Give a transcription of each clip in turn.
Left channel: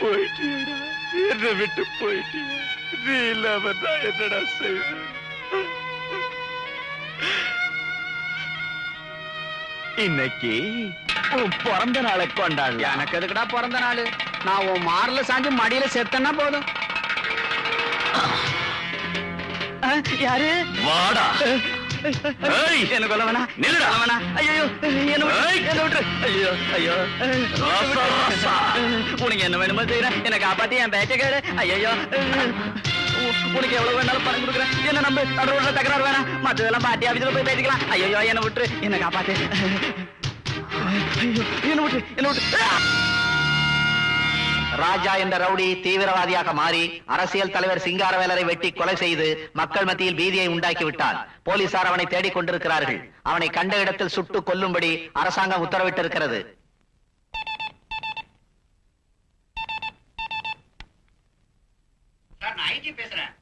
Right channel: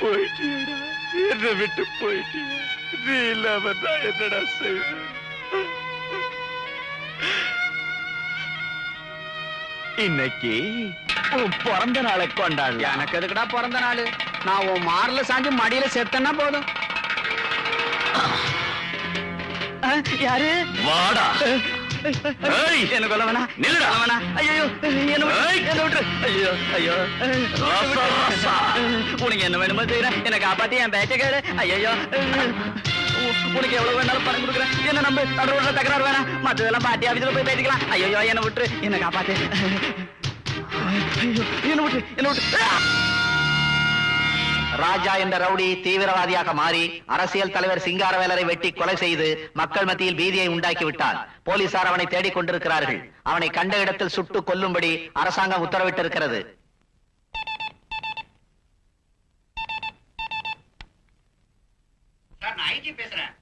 போயிட்டியடா, என்னை விட்டு போயிட்டிய. நீ இல்லாம நான் என்னடா செய்வேன்? இன்னைக்கு உன் பிறந்த நாளை கொண்டாடு. எனக்கு எதுக்குடா பிறந்த நாள்? நான் உன் மார்ல சாஞ்சு மடியில செத்தனா போதும். யாரு? வாடா. எனக்கு வேணா, நில்லுடா. வேணா. ஐயோ, என்ன விட்டு. ஐயோ ஐயோ, உனக்கு என்ன வேணுமோ செய்யறேன். என்னை காப்பாத்தி என் பேச்சக்காரு. ஐயோ, உனக்கு எவ்வளவு வேணாலும் பணம் கொடுக்குறேன். என்ன நம்ப தொடர்பு தகராறு வேணாம். மற்றதெல்லாம் பாட்டி ஆபீஸ்ல போய் பேசிக்கலாம். ஐயோ, என்ன விட்டு, என்னை காப்பாத்தி. என்ன விட்டு, என்ன விட்டு. ராஜா என்ற ரவுடி தீவிரவாதியாக மாறி அரசியல் தலைவர் சிங்காரவேலரை வெட்டி கொலை செய்து மக்கள் மத்தியில் பீதியை உண்டாக்கி விட்டார். போலீசார் அவனை தேடிக் கொண்டிருக்கிறார்கள். அவனை கண்ட இடத்தில் சுட்டு கொல்லும்படி அரசாங்கம் உத்தரவிட்டிருக்கிறது. நான் ஐஜி பேசுறேன்.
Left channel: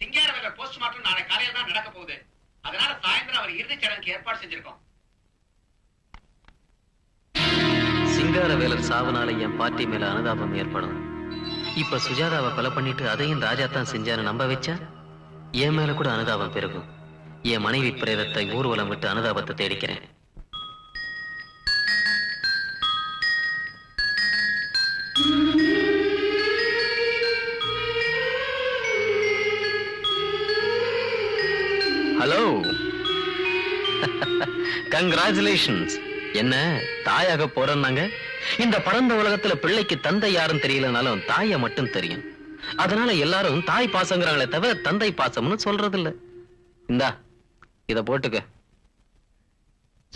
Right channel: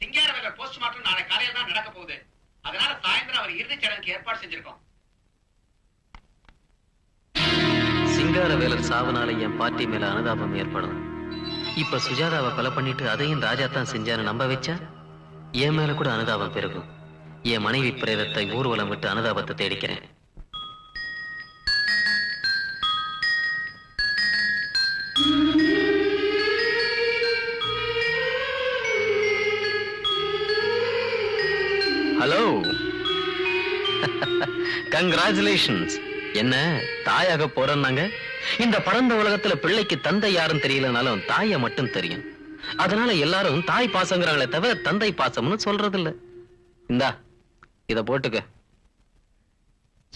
சிங்காரவேலர் போஸ்ட்மார்ட்டம் நாளை காலையில தான் நடக்க போகுது. அதனால சாயந்தரம் அவர் இறுதிச் சடங்குக்கு ஏற்பாடு செஞ்சிருக்கோம். சிங்காரவேலர் சாவனால என் பார்ட்டி மேல அனுதாபம் ஏற்படும். இப்ப சுஜாதாவை கொலை பண்ணிட்டு அதையும் ராஜா தான் செஞ்சாரு நம்ப வச்சா என் மேல கூட அனுதாபம் பெருகும். என் மனைவி பிரேதத்தை ஊர்வலம் விட்டு அனுதாபத்தை தேடிக்கிறேன். Hello, congratulations. என்ன தாயாக போறேன்னாங்க? இந்த பரந்த உலகத்துல பிள்ளைக்கு தந்தை யாரும் தெரியலனாலும் தாய மட்டும் தெரியும். அதனால எல்லாரும் தாய் பாசங்கிறாங்களே தவிர தந்தை பாசம்னு சொல்றது இல்ல. இந்தா இத போட்டுக்க.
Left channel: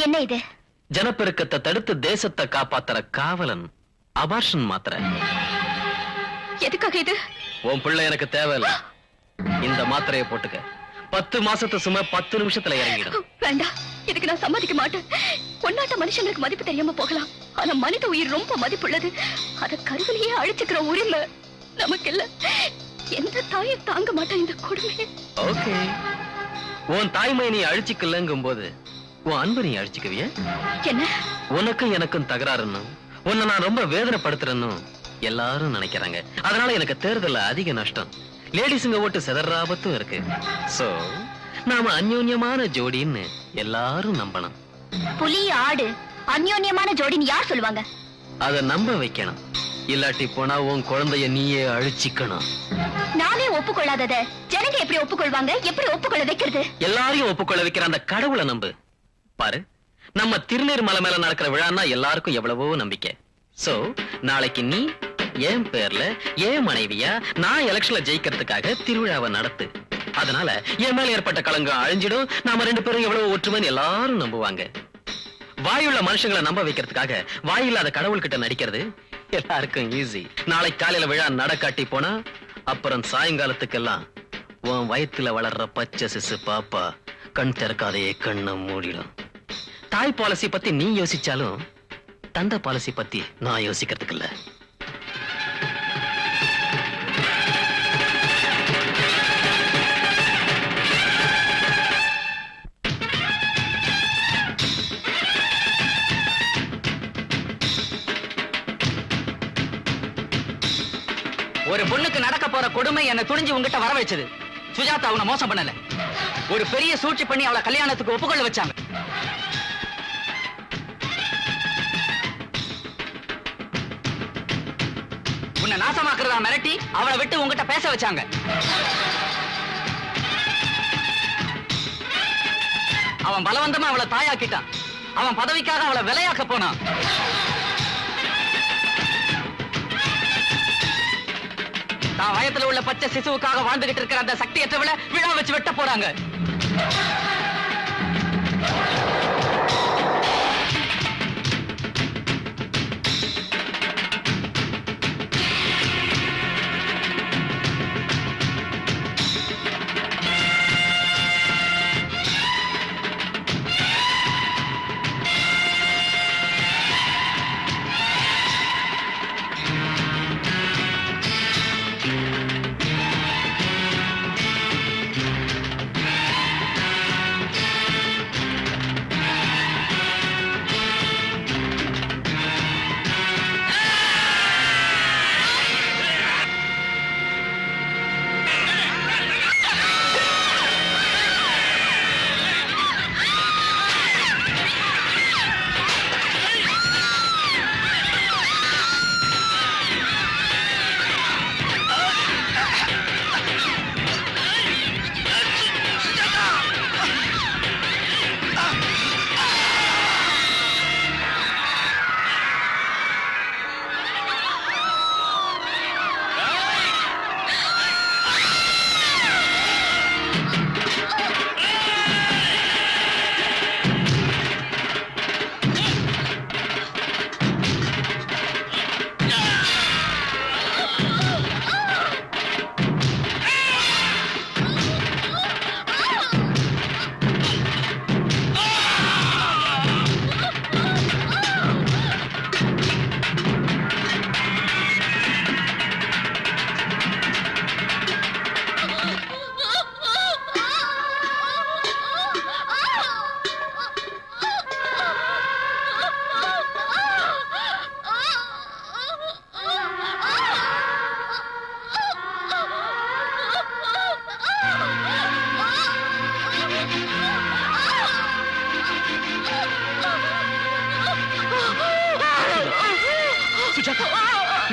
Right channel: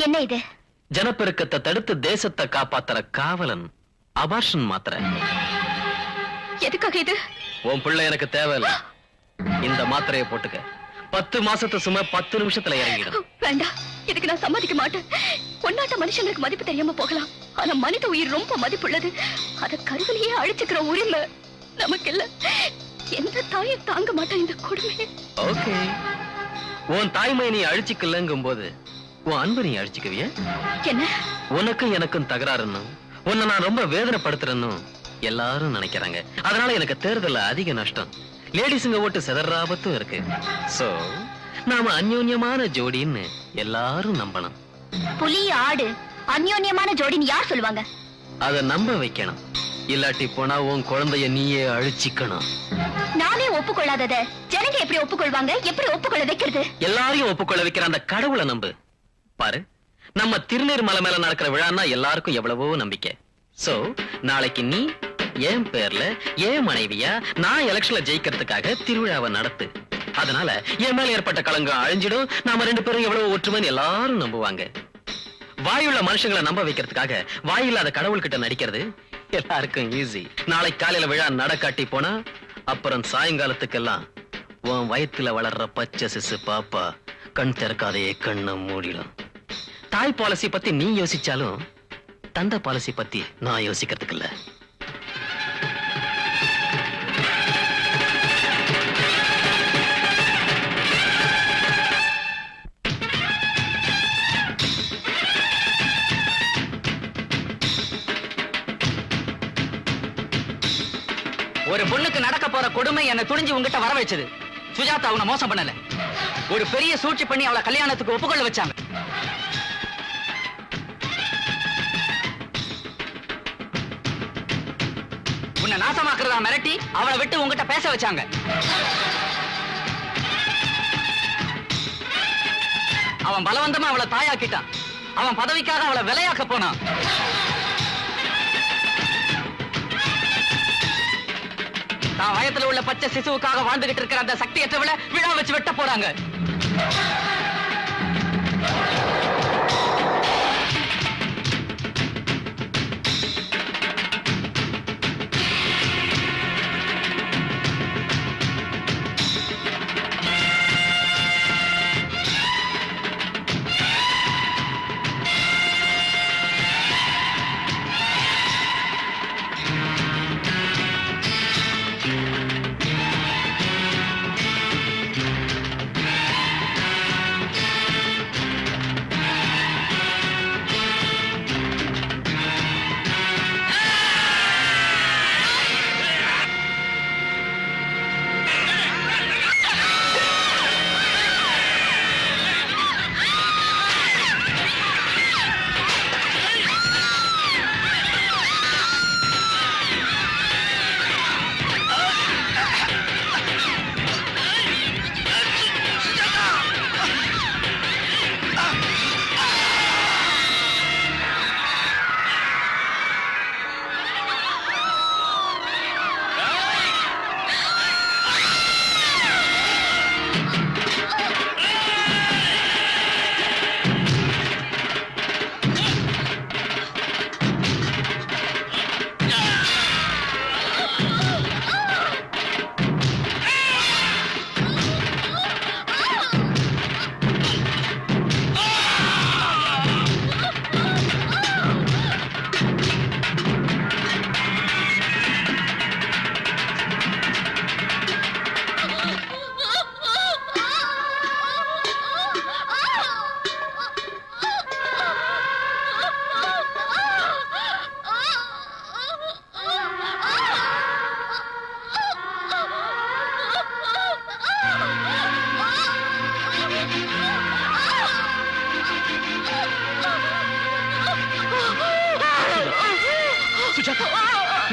என்ன இது? ஜனப்பெருக்கத்தை தடுத்து தேசத்தை காப்பாத்துற காவலன் அபார்ஷன் மாத்திரை. எதுக்காக இது? உன் பிள்ளை எனக்கு தேவையில்ல. இந்த மாத்திரையை போட்டுக்க. 10 மாசத்து சும்மா 10 நிமிஷத்துல இறங்கிடும். வேண்டாம், இதுக்கு நான் சம்மதிக்க மாட்டேன். கொண்டாட்ட மனுஷங்களுக்கு மதிப்பு தெரியாம போகலாம், ஆனா மனித உயிர் ரொம்ப மதிப்புள்ளது. அத கருவிலேயே அழிச்சுக்கிற உரிமை நமக்கு இல்ல. எந்த தாயும் தாங்க மாட்டேன் இந்த கொடுமை. ஓகே, உன் தாய்மை நீ அழிச்சுக்கலங்கும் போது உன் அன்பு நீ அழிச்சுக்குவிய? என்ன? உனக்கும் எனக்கும் தகராறுன்னு, உன்னை நான் ரொம்ப வேதனைப்படுத்துறேன்னு எல்லாரும் நினைக்கிறாங்க. அதனால எனக்கு தேர்தல்ல அதிக நஷ்டம். லேடிஸுங்க ஓட்டு செதறாபத்தும் இருக்கு. சோ நாம அந்யோன்யமான ஜோடின்னு எல்லாரும் நம்பணும். புலி ஆடு அந்யோன்யமான ஜோடின்னு யார் சொல்லுவாங்க? அத நம்ப வைக்கணும். இல்லாட்டி போனா உன் குழந்தைய நீயே அழிச்சிக்கணும். நானே ஒப்புக்கொள்ளாதத ஜனங்க எப்படி ஒப்புக்கொள்வாங்க? எப்படி ஒப்புக்கொள்ள வைக்கிறது? எல்லாரையும் ஒப்புக்கொள்ள வைக்கிற அந்த கடவுளை நம்பு. பாரு, நம்ம திருநீர் மலை மேல நடக்கிற விழான்னா எல்லாருக்கும் எவ்வளவோ நம்பிக்கை. சோ நாளைக்கு நீ என் பேர்ல என் மனைவியா நான் எலெக்ஷன்ல ஜெயிக்கிறதுக்காக திருவிழாவை நடத்து. அதனால என் மேல ஏற்பட்ட களங்கம் அழிஞ்சிடும். நாம 2 பேரும் எவ்வளவு ஒற்றுமைன்னு எல்லாரும் நம்புவாங்க. வாயுள்ள மனுஷங்களை நம்ப வைக்கிறதுக்காக வாயில்லாத கடவுள் கிட்ட நடிக்கிறது எல்லாருக்கும் ஈஸி. நாளை காலையில விழா நடக்காட்டி போனா அப்புறம் சாயங்காலத்துக்கெல்லாம் உன் வயிற்றுல வளர்ற பச்சை சிசு பாப்பா கண் திறக்காதையே கண்ணை மூடிடும். தாய் பாலிசி பத்தி நீ யோசிச்சாலும் தந்தை பாலிசி பத்தி நான் யோசிக்கிறதுக்கு இல்ல. ஒரு பொண்ணுக்கு நடக்க போற கொடுமை என்ன துணிஞ்சு உங்ககிட்ட வர வச்சது. சுஜாதா அவனை மோசம் பண்ணல, ஒரு பெரிய சூழ்ச்சி பண்ணி அவளை கல்யாணத்துக்கு ஒப்புக்கொள்ள வச்சாங்க. உன்னை நாசமாக்குறதா மிரட்டி அவளை விட்டு உங்ககிட்ட பேச வச்சாங்க. அவன் பலவந்தமா அவளை தாயாக்கிட்டான். அவன் பதவிக்காக அவளை விலையாக்க போனான். தான் வயத்துல உள்ள பச்சை சிசுவுக்காக வாழ்ந்துகிட்டு இருக்கிற அந்த சக்தியற்றவளை விழா வச்சு வெட்ட போறாங்க.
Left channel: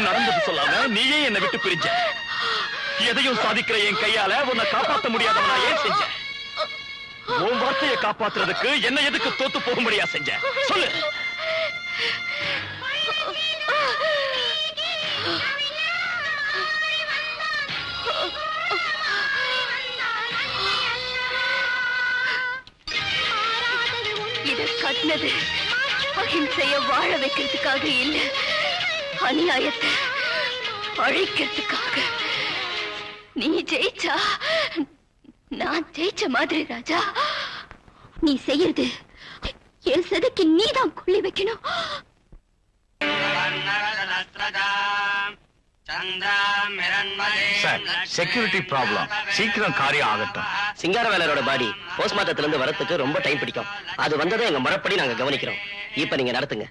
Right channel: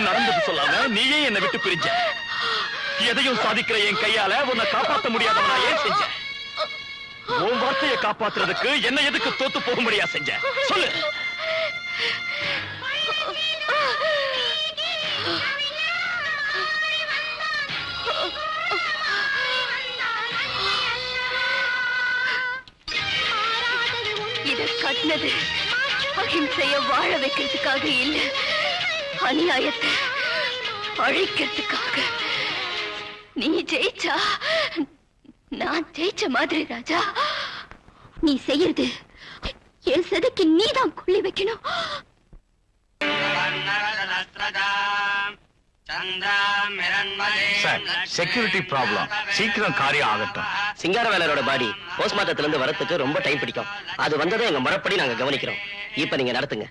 நடந்தது சொல்லாம நீயே என்னை விட்டு பிரிஞ்ச. எதையும் சாதிக்கிற என் கையால உன்னை காப்பாற்ற முடியாதவனா ஏன் செஞ்ச? உன் வார்த்தையை காப்பாத்துறதுக்கு என்ன எதுக்கு தோத்து போக முடியா செஞ்ச? சொல்லு. இதை கட்டினது அகிம்சைய வாழ வைக்கிறதுக்காக இல்ல, அநியாயத்தை அழிக்கிறதுக்காக. நீ ஜெயிச்சா நான் ஜெயிச்ச மாதிரி ராஜா. நீ செய்யறது என் சதைக்கு நீதான் கொள்ளி வைக்கணும். செக்யூரிட்டி ப்ராப்ளம், சீக்கிரம் காரியம் ஆகட்டும். சிங்காரவேலரோட பாடி போஸ்ட்மார்ட்டத்துல இருந்து வரத்துக்கு ரொம்ப டைம் பிடிக்கும். அது வந்ததை எங்க முறைப்படி நாங்க கவனிக்கிறோம். இப்ப நீங்க நடத்துங்க.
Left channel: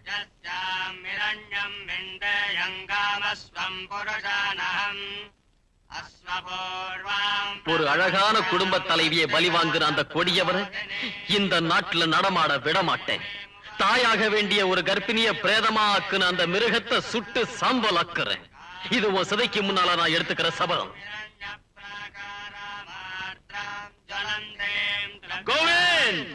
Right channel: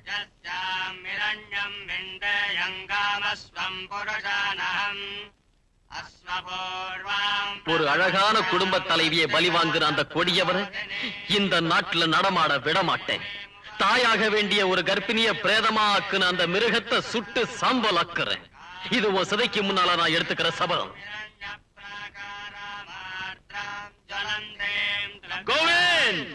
ஒரு அழகான குடும்ப தலைவியை பலி வாங்குற அந்த கொடியவரை இந்த நாட்டுல நடமாட விட மாட்டேன். தாயாக வேண்டிய ஒரு கர்ப்பிணிய பிரேதமா ஆக்குன அந்த மிருகத்தை சுட்டு சாம்பல் ஆக்குறேன். இது உன் சிதைக்கு முன்னால நான் எடுத்துக்கிற சபதம். கோவிந்த்!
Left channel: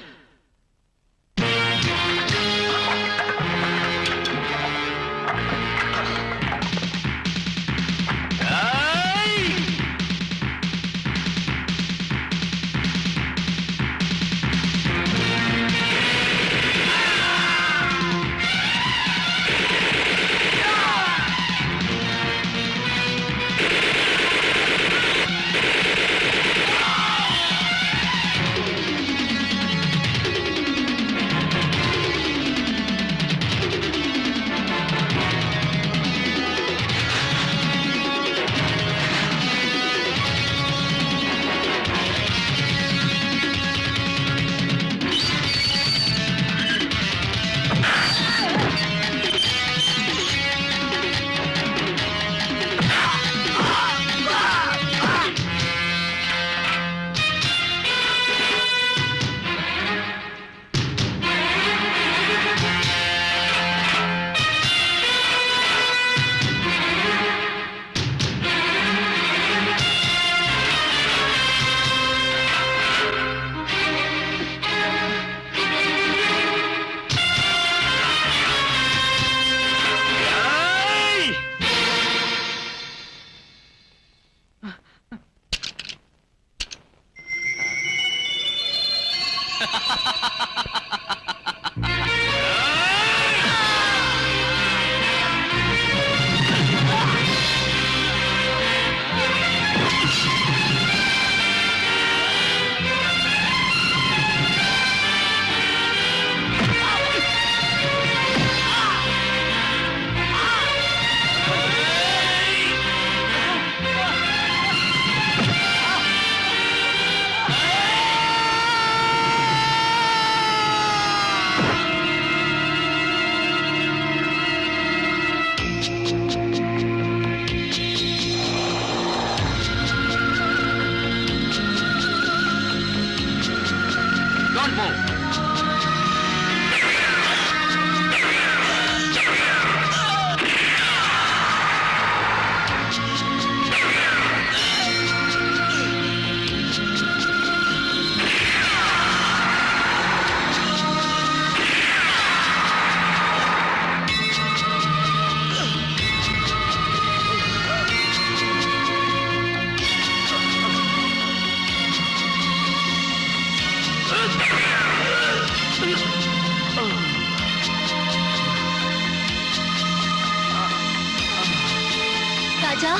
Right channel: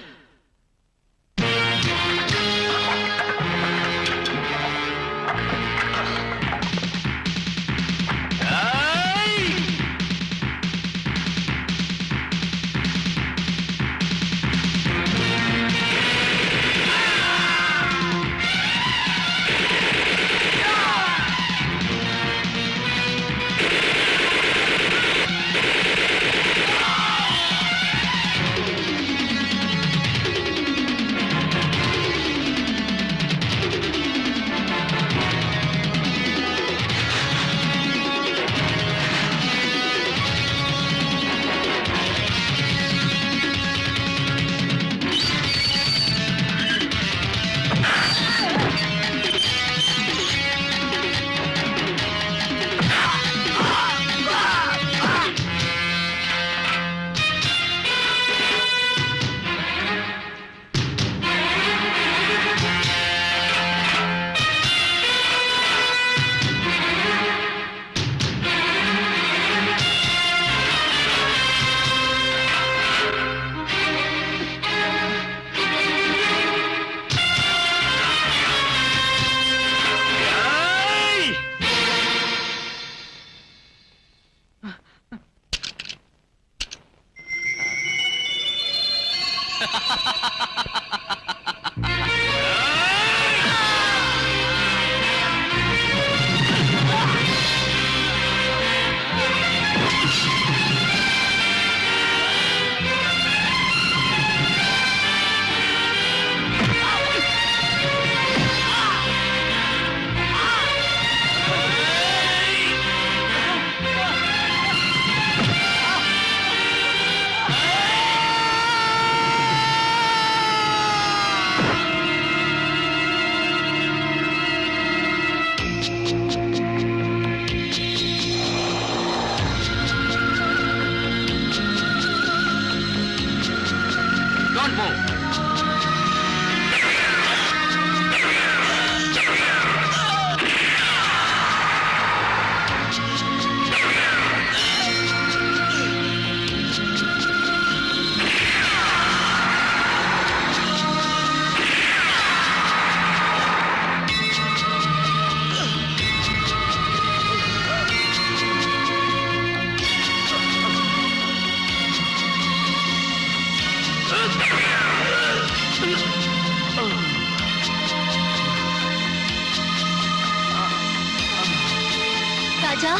ராஜா,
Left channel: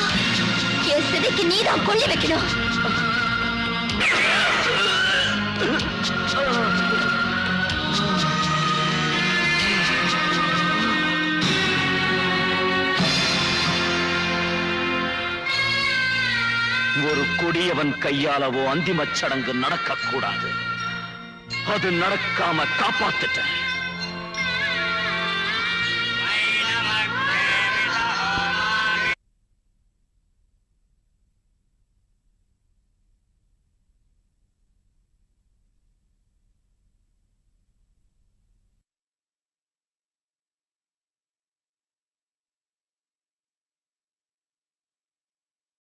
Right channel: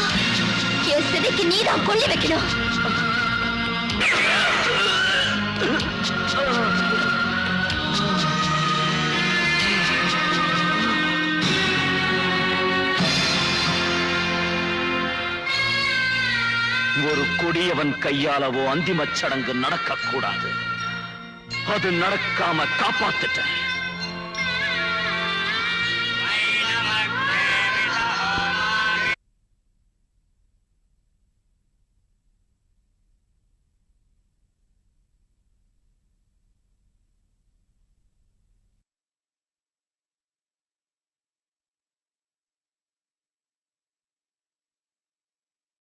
என் சிதைக்கு நீதான் கொல்லி வைக்கணும். ஒரு கொடியவன் கையாலவோ அந்திமச் சடங்கு நடக்கக்கூடாது. அது நடக்காம காப்பாத்திட்டேன்.